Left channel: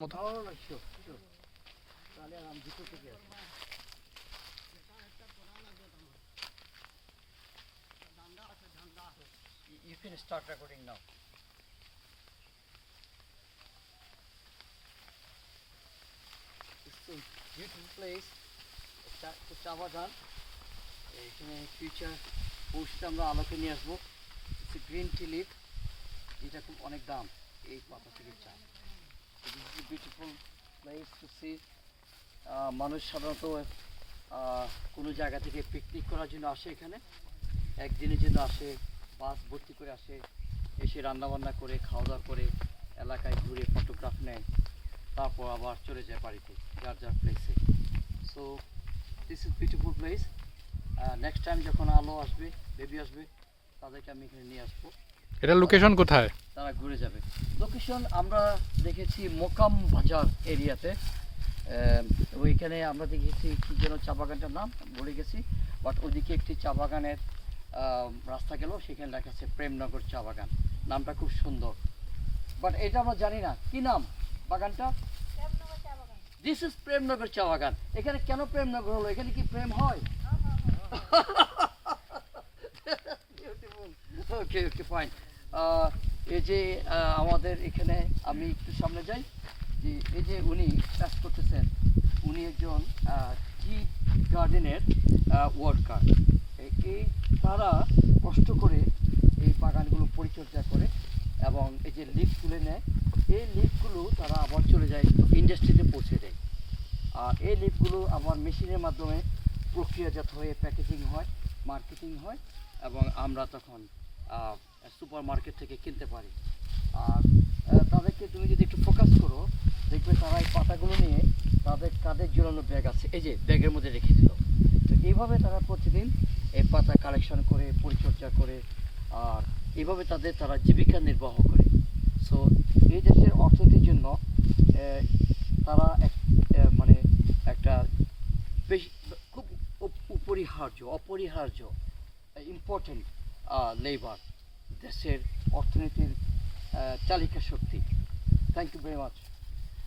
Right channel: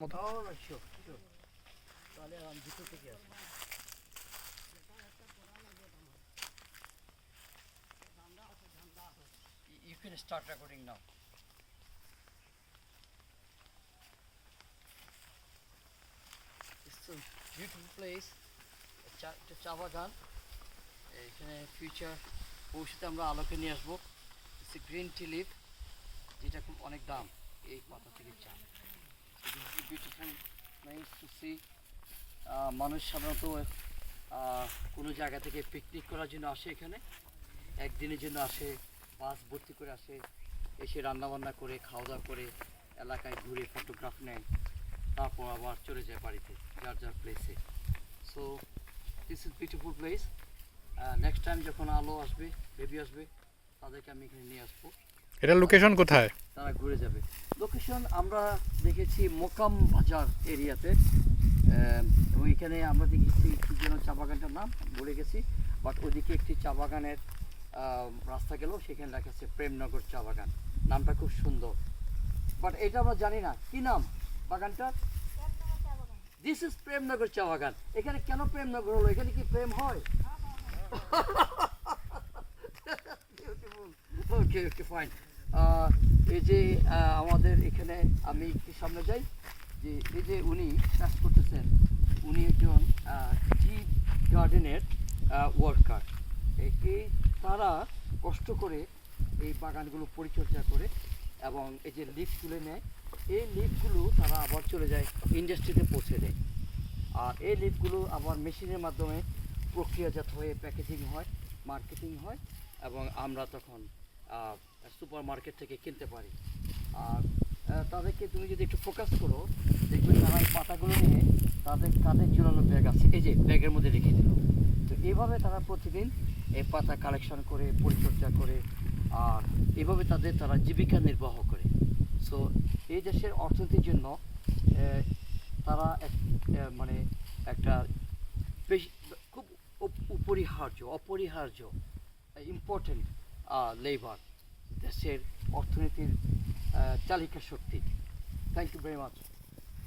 মতো You can start recording now. It's a beautiful place. চা বাগান এখানে ফিউচার ভবিষ্যতে আমরা আলোকে নিয়ে আসবো। It's a green tea leaf, যেটা খুব অনেক দাম এই পাতা থেকে চা। Beautiful place to see. মানুষ সাধারণত কোনো জায়গা থেকে পিকনিক করার জন্য আসে, এখানে একদিনের জন্য আসে, বাস ভর্তি করে আসে, এসে রান্নাবান্না করে খাওয়া দাওয়া করে এলাকায় ঘুরে ফটোগ্রাফ নেয়, তারপর আবার চলে যায় বাড়িতে যার যার প্লেসে। So this is beautiful place. Next time যখন আলো আসবে, বেবি আসবে, তাদেরকে আমি এখানে নিয়ে আসবো। এটার লোকেশন কোথায়? তারা ঘুরে যাবে। লোকেশন আমরা দেখেছি মোকাম বাজার এরিয়াতে। ওইখানে আমরা দেখেছি কি যেন চা বাগানটার নাম বলে গেছি, বাট ওইদিকে একটি চা বাগানের রাস্তা গেল, সেখানে লেখা আছে প্রেমনগর চা বাগান। নামটা খুব সুন্দর, বাট এটা আমরা জানি না কি নাম বাগানটা। দিস ইজ প্রেমনগর চা বাগান। এখানে কেন প্রেমনগর হলো? এখানে কি প্রেম হয়? ওকে ওকে ফাইন। এই যে আমাদের এখানে আমি একটু সামনে যাই, যে এই যে উনি কাজ করতেছেন, উনি একজন টি গার্ডেনের ওয়ার্কার। এই তারা কষ্ট করে এই বাগানগুলো পরিচর্যা করে এবং এই যে লিফ তুলে নেয়, এই লিফগুলো তারা আবার চলে যায় ইন্ডাস্ট্রিতে পৌঁছে দেয়। আর এই লিফগুলো আবার মেশিনের মাধ্যমে প্রক্রিয়াজাত হয়ে প্যাকেজিং হয়, মার্কেটিং হয়, এবং আমরা তখন সুপার মার্কেট থেকে কিনতে পারি। আর তাদেরকে তুমি যদি একটু ফোকাস করো, দেখবে তারা এই পাতাগুলো নিয়ে তাদের কাঁধের ঝুলানো ব্যাগ আছে, এই যে ব্যাগের মধ্যে রেখে দিল। তো এইভাবে তারা প্রতিদিন এই পাতা কালেকশন করে, পরিচর্যা করে, আর এইভাবে তারা জীবিকা নির্বাহ করে। সো এই দেশের অর্থনীতির জন্য তারা মানে একটা বেশি খুব অপরিহার্য ইম্পর্টেন্ট লেবার, দেশের অর্থনীতির চালিকা শক্তি। Thank you very much.